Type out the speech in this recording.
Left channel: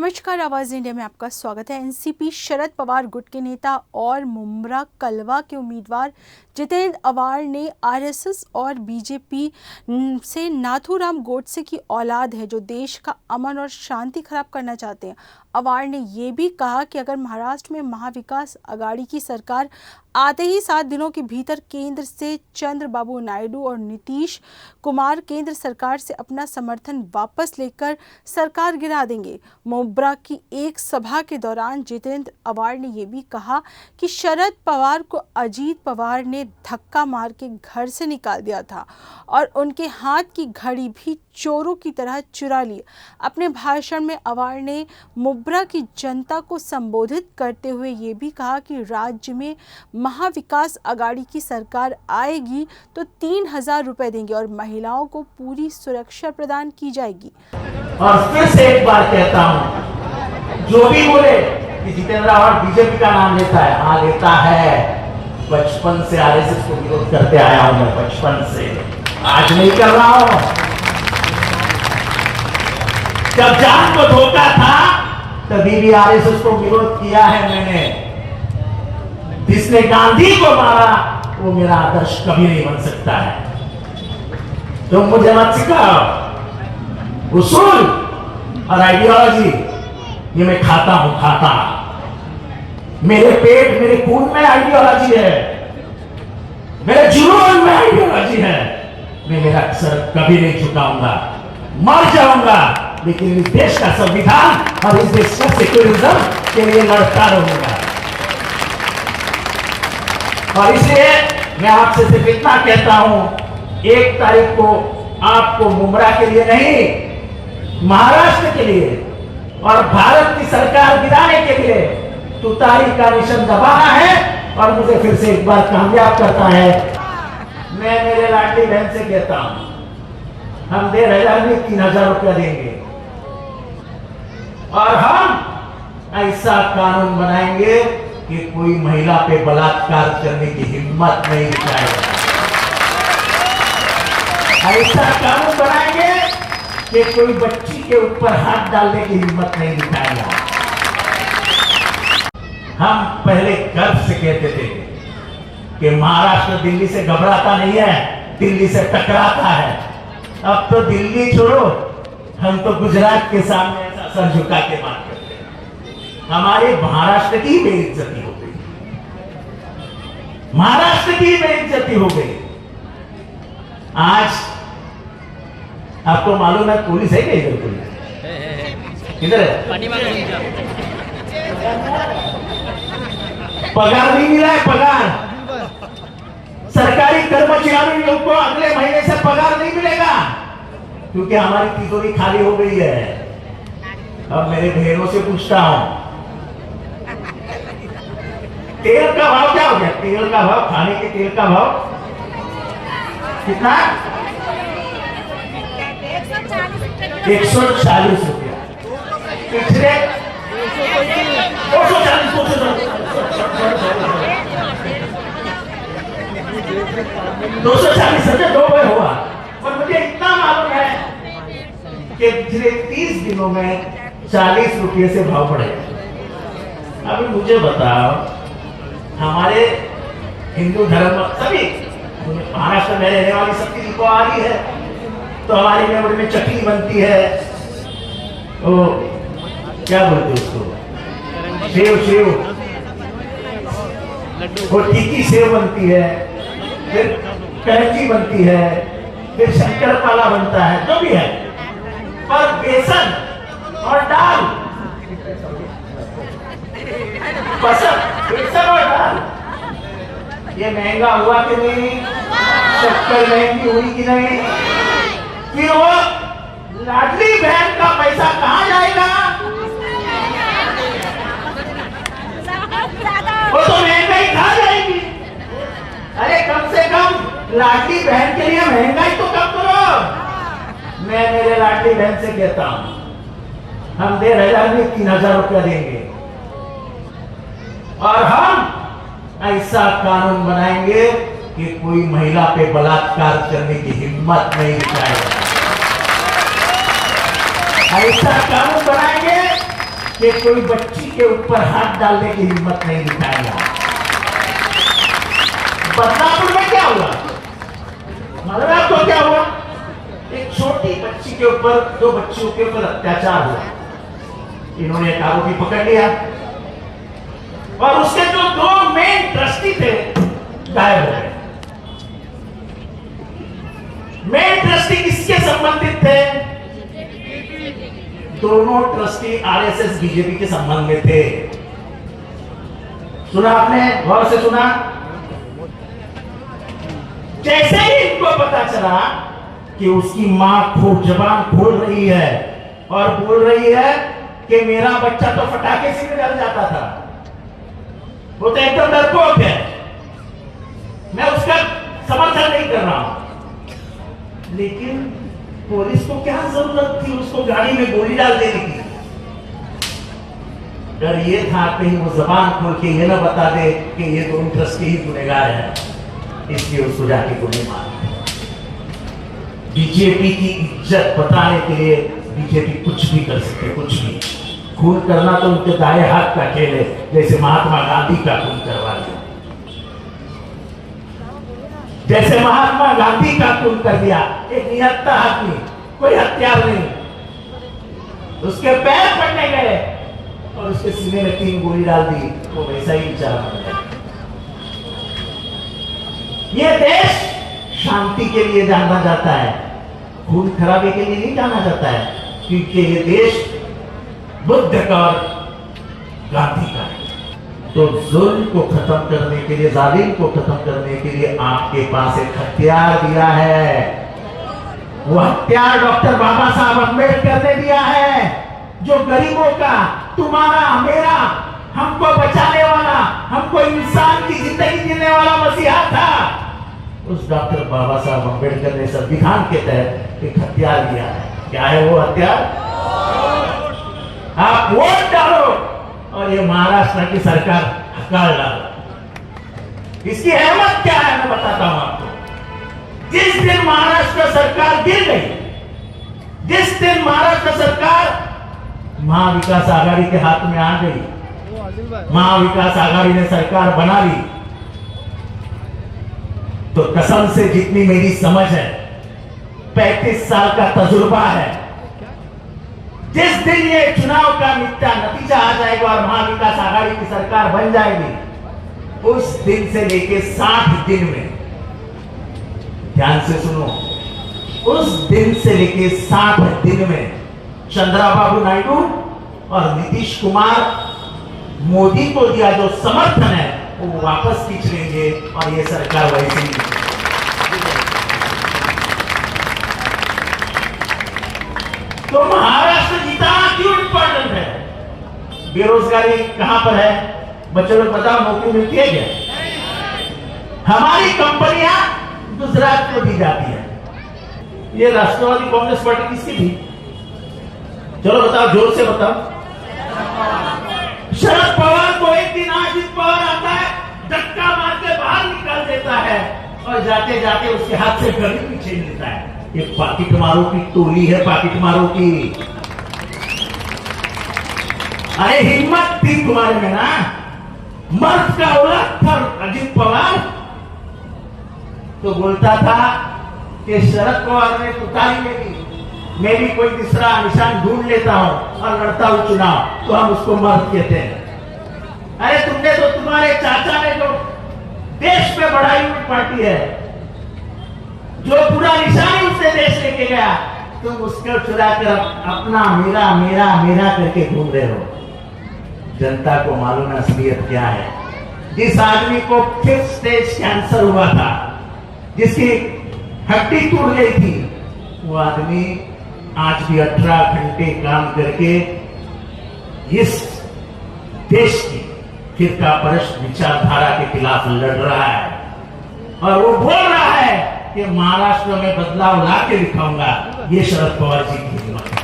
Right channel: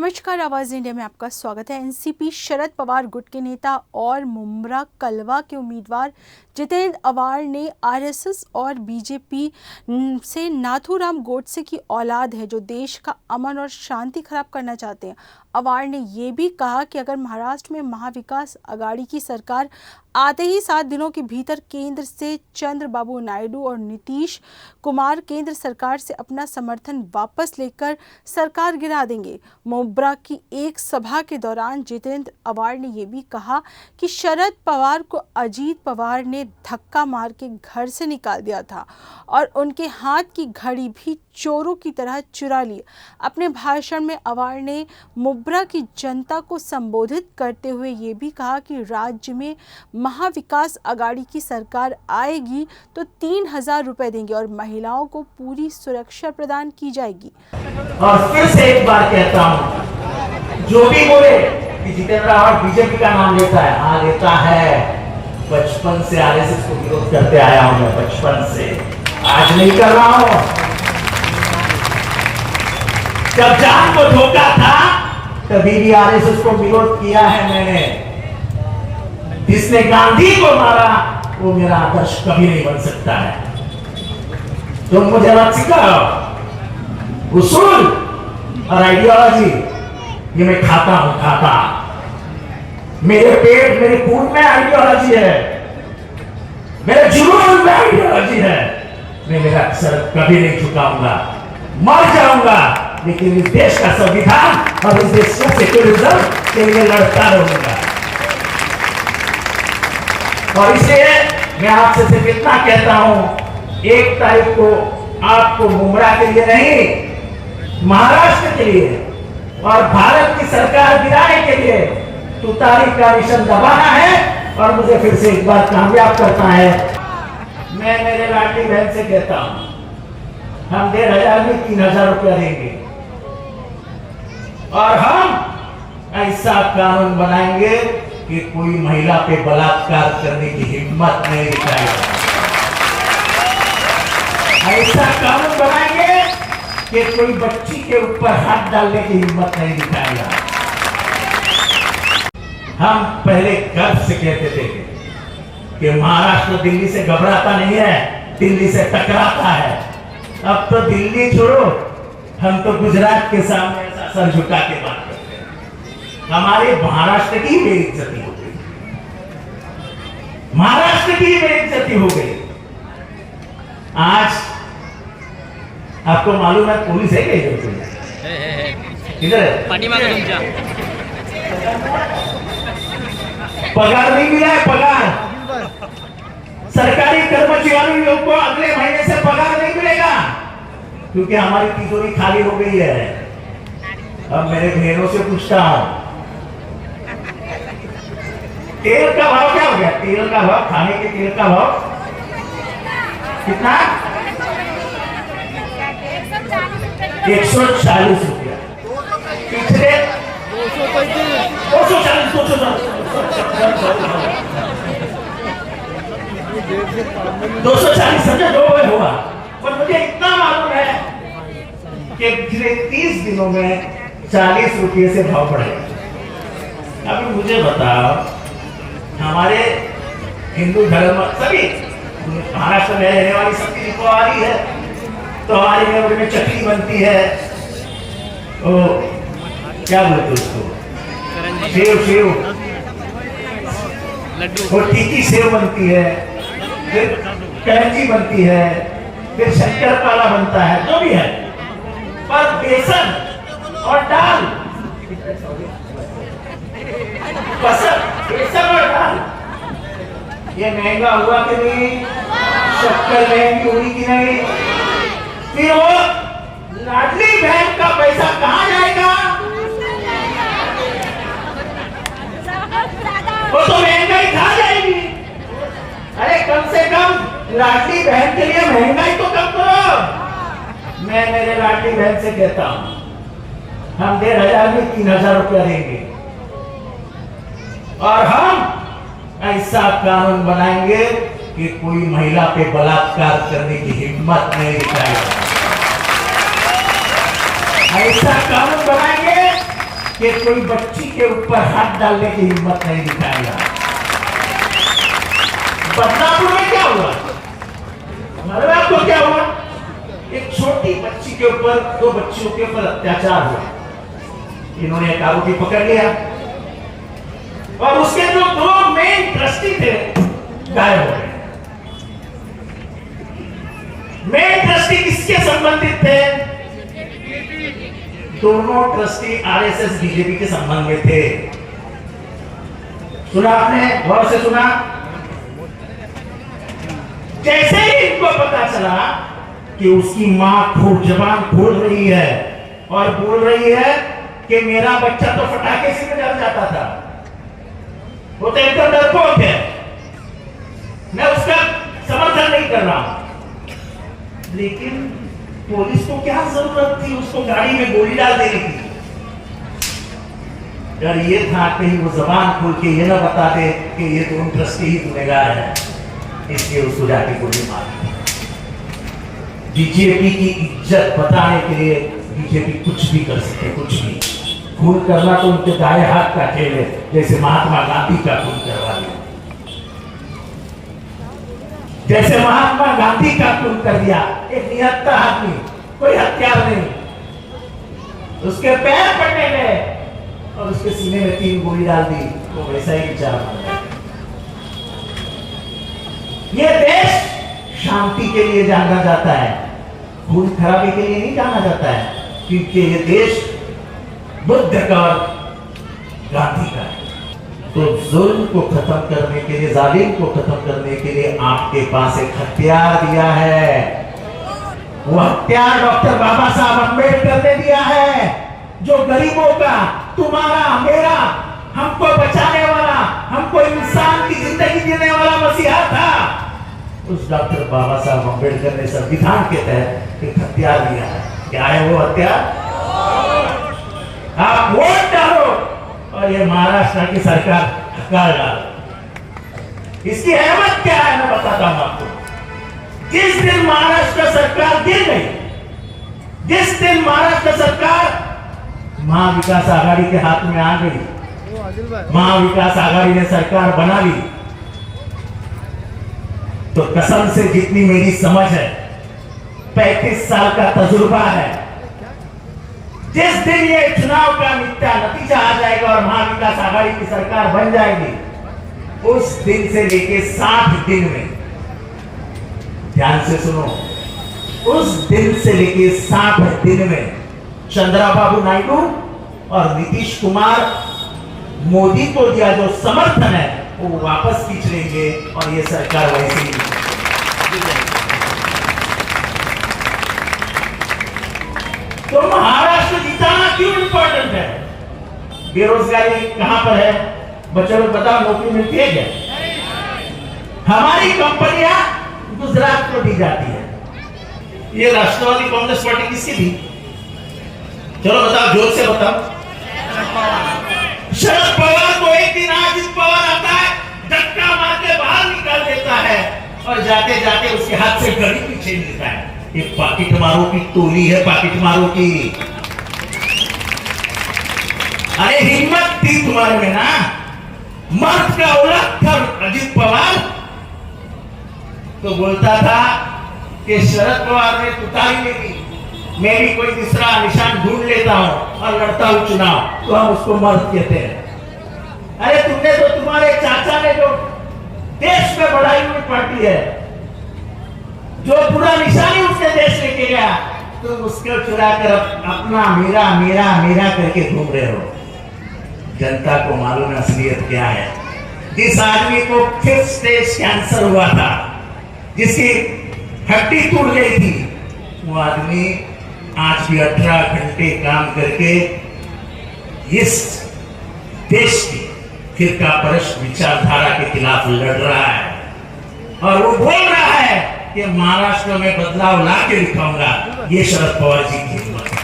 नमस्कार, आवाज इंडिया में आपका स्वागत है। एनसीपी शरद पवार गुट के नेता और मुंब्रा कलवा के उम्मीदवार जितेंद्र अवाड़ ने आरएसएस और बीजेपी से नाथूराम गोडसे की औलाद है जो देश का अमन और शांति खराब करना चाहते हैं। अवाड़ ने ये भी कहा कि अगर महाराष्ट्र में महाविकास अघाड़ी की सरकार आते ही 7 दिनों के भीतर केंद्र से चंद्रबाबू नायडू और नीतीश कुमार केंद्र सरकार से अपना समर्थन वापस लेकर सरकार गिरा देंगे। मुंब्रा की एक सभा के दौरान जितेंद्र अवाड़ ने यह भी कहा कि शरद पवार को अजीत पवार ने धक्का मार के घर से निकाल दिया था और उनके हाथ की घड़ी भी चोरों की तरह चुरा ली। अपने भाषण में अवाड़ ने मुंब्रा की जनता को संबोधित करते हुए ये भी कहा कि राज्य में महाविकास अघाड़ी की सरकार आएगी तो 3,000 रुपए देंगे और महिलाओं को पूरी सुरक्षा प्रदान की जाएगी। और फिर से एक बार कहता हूं, जो भी बोले कि जितेंद्र अवाड़ बीजेपी का नाम लेता है, हाँ लेता है। बचपन से आरएसएस को विरोध करते आया हूं मैं, बचपन से, आज नहीं कर रहा हूं। जब जान को धोखा था तभी भी आरएसएस को विरोध किया है मैंने। जिसने गांधी को मारा वो मेरा आदर्श कभी नहीं बन सकता है। तुम मुझे मत सिखाओ उसूल और आइडियोलॉजी, ये मैं खाता हूं, खाता। मेरे पेट मेरे खून में आइडियोलॉजी है, मेरे जुनून में आइडियोलॉजी है। मैं मेरा सर कभी नहीं झुकाऊंगा, मर जाऊंगा, लेकिन इस देश का संविधान और इस देश का सेक्युलरिज्म के लिए लड़ता रहूंगा। और इसलिए मैं आपसे सिर्फ इतना कहता हूं, 1 तारीख को आपको मुंब्रा के लिए नहीं, महाराष्ट्र के लिए और भारत की सरकार गिराने के लिए तुतारी का निशान दबाना है और मुझे फिर से एक बार कामयाब करना है। मैं मेरे लाडली बहन से कहता हूं, हम 1,500 में 3,000 रुपया देंगे और हम ऐसा कानून बनाएंगे कि कोई महिला पे बलात्कार करने की हिम्मत नहीं दिखाएगा। ऐसा कानून बनाएंगे कि कोई बच्ची के ऊपर हाथ डालने की हिम्मत नहीं दिखाएगा। हम पहले गर्व से कहते थे कि महाराष्ट्र दिल्ली से घबराता नहीं है, दिल्ली से टकराता है। अब तो दिल्ली छोड़ो, हम तो गुजरात के सामने ऐसा सर झुका के बात करते हैं। हमारे महाराष्ट्र की बेइज्जती हो गई, महाराष्ट्र की बेइज्जती हो गई। आज आपको मालूम है पुलिस है क्या इधर? पगार नहीं मिला है, पगार। सरकारी कर्मचारियों को अगले महीने से पगार नहीं मिलेगा क्योंकि हमारी तिजोरी खाली हो गई है। अब मेरे बहनों से पूछता हूं, तेल का भाव क्या हो गया? तेल का भाव, खाने के तेल का भाव कितना? 140 रुपया। पिछले 240 समझे 2 हुआ। और मुझे इतना मालूम है कि पिछले 30 दिनों में 40 रुपये से भाव बढ़े। अभी मुझे बताओ, हमारे हिंदू धर्म सभी महाराष्ट्र में रहने वाली सबकी निको आ रही है, तो हमारे मेमोरी में चटनी बनती है, ओ क्या बोलते उसको, सेव वो टिक्की सेव बनती है, फिर करंजी बनती है, फिर शंकरपाला बनता है, जो भी है, पर बेसन और दाल, बेसन और दाल, ये महंगा हुआ कि नहीं? शक्कर महंगी हुई कि नहीं? फिर वो लाडली बहन का पैसा कहां जाएगा? वो तो महंगाई खा जाएगी। अरे कम से कम लाडली बहन के लिए महंगाई तो कम करो। मैं मेरे लाडली बहन से कहता हूं, हम 1,500 में 3,000 रुपया देंगे और हम ऐसा कानून बनाएंगे कि कोई महिला पे बलात्कार करने की हिम्मत नहीं दिखाएगा। ऐसा कानून बनाएंगे कि कोई बच्ची के ऊपर हाथ डालने की हिम्मत नहीं दिखाएगा। बदलापुर में क्या हुआ, मालूम है आपको क्या हुआ? एक छोटी बच्ची के ऊपर, दो बच्चियों के ऊपर अत्याचार हुआ। इन्होंने एक आरोपी पकड़ लिया और उसके जो दो मेन ट्रस्टी थे गायब हो गए। मेन ट्रस्टी किसके संबंधित थे? दोनों ट्रस्टी आरएसएस बीजेपी के संबंध में थे। सुना आपने, गौर से सुना? जैसे ही इनको पता चला कि उसकी मां खूब जबान खोल रही है और बोल रही है कि मेरा बच्चा तो फटाके से डर जाता था, वो तो एकदम डरपोक है, मैं उसका समर्थन नहीं कर रहा हूं, लेकिन पुलिस को क्या जरूरत थी उसको गाड़ी में गोली डाल देने की? डर ये था कहीं वो जबान खोल के ये ना बता दे कि ये दोनों ट्रस्टी ही गुनहगार है, इसलिए उसको जाके गोली मार। बीजेपी की इज्जत बताने के लिए बीजेपी कुछ भी कर सकते, कुछ भी। खून करना तो उनके दाएं हाथ का खेल है, जैसे महात्मा गांधी का खून करवा दिया, जैसे महात्मा गांधी का खून कर दिया। एक निहत्था आदमी, कोई हथियार नहीं, उसके पैर पड़ने गए और उसके सीने में 3 गोली डाल दी, तो वैसा ही विचार बन गया। ये देश शांति के लिए जाना जाता है, खून खराबे के लिए नहीं जाना जाता है, क्योंकि ये देश बुद्ध का और गांधी का है। तो जुल्म को खत्म करने के लिए, जालिम को खत्म करने के लिए आपके पास एक हथियार दिया है। वो हथियार डॉक्टर बाबा साहब अम्बेडकर ने दिया है, जो गरीबों का, तुम्हारा, मेरा, हमको बचाने वाला, हमको इंसान की जिंदगी देने वाला मसीहा था। उस डॉक्टर बाबा साहब अम्बेडकर ने संविधान के तहत एक हथियार दिया है। क्या है वो हथियार? आप वोट डालो और ये महाराष्ट्र की सरकार हकार डालो। इसकी अहमियत क्या है मैं बताता हूं आपको। जिस दिन महाराष्ट्र सरकार गिर गई, जिस दिन महाराष्ट्र सरकार महाविकास आघाड़ी के हाथ में आ गई, महाविकास आघाड़ी ने सरकार बना ली, तो कसम से जितनी मेरी समझ है, 35 साल का तजुर्बा है, जिस दिन ये चुनाव का नतीजा आ जाएगा और महाविकास आघाड़ी की सरकार बन जाएगी, उस दिन से लेके 60 दिन में, ध्यान से सुनो, उस दिन से लेके 60 दिन में चंद्रबाबू नायडू और नीतीश कुमार मोदी को दिया जो समर्थन है वो वापस खींच लेंगे और ये सरकार वैसे ही। तो महाराष्ट्र जिताना क्यों इंपॉर्टेंट है? बेरोजगारी कहां पर है? बच्चों लोग बताओ, नौकरी मिलती है क्या? हमारी कंपनियां गुजरात को दी जाती है। ये राष्ट्रवादी कांग्रेस पार्टी किसकी थी? चलो बताओ, जोर से बताओ। शरद पवार को एक दिन अजित पवार आता है, धक्का मार के बाहर निकाल देता है और जाते जाते उसके हाथ से घड़ी पीछे मिलता है। ये पाकिट मारो की टोली है, पाकिट मारो की। अरे हिम्मत थी तुम्हारे में ना, मर्द का औरत था अजित पवार, तो बोलता था कि शरद पवार ने तुतारी में दी, मैं भी कोई दूसरा निशान ढूंढ लेता हूं और लड़ता हूं चुनाव, तो हम उसको मर्द कहते हैं। अरे तुमने तो, तुम्हारे चाचा ने जो देश में बढ़ाई हुई पार्टी है, जो पूरा निशानी उसने देश लेके गया, तुम उसको चुरा कर अपना मेरा मेरा मेरा करके घूम रहे हो। जनता को मालूम असलियत क्या है। जिस आदमी को 5th स्टेज कैंसर हुआ था, जिसकी हड्डी टूट गई थी, वो आदमी आज भी 18 घंटे काम करके इस देश की फिरकापरस्त विचारधारा के खिलाफ लड़ रहा है और वो बोल रहा है कि महाराष्ट्र में बदलाव ला के दिखाऊंगा। ये शरद पवार जी की हिम्मत है।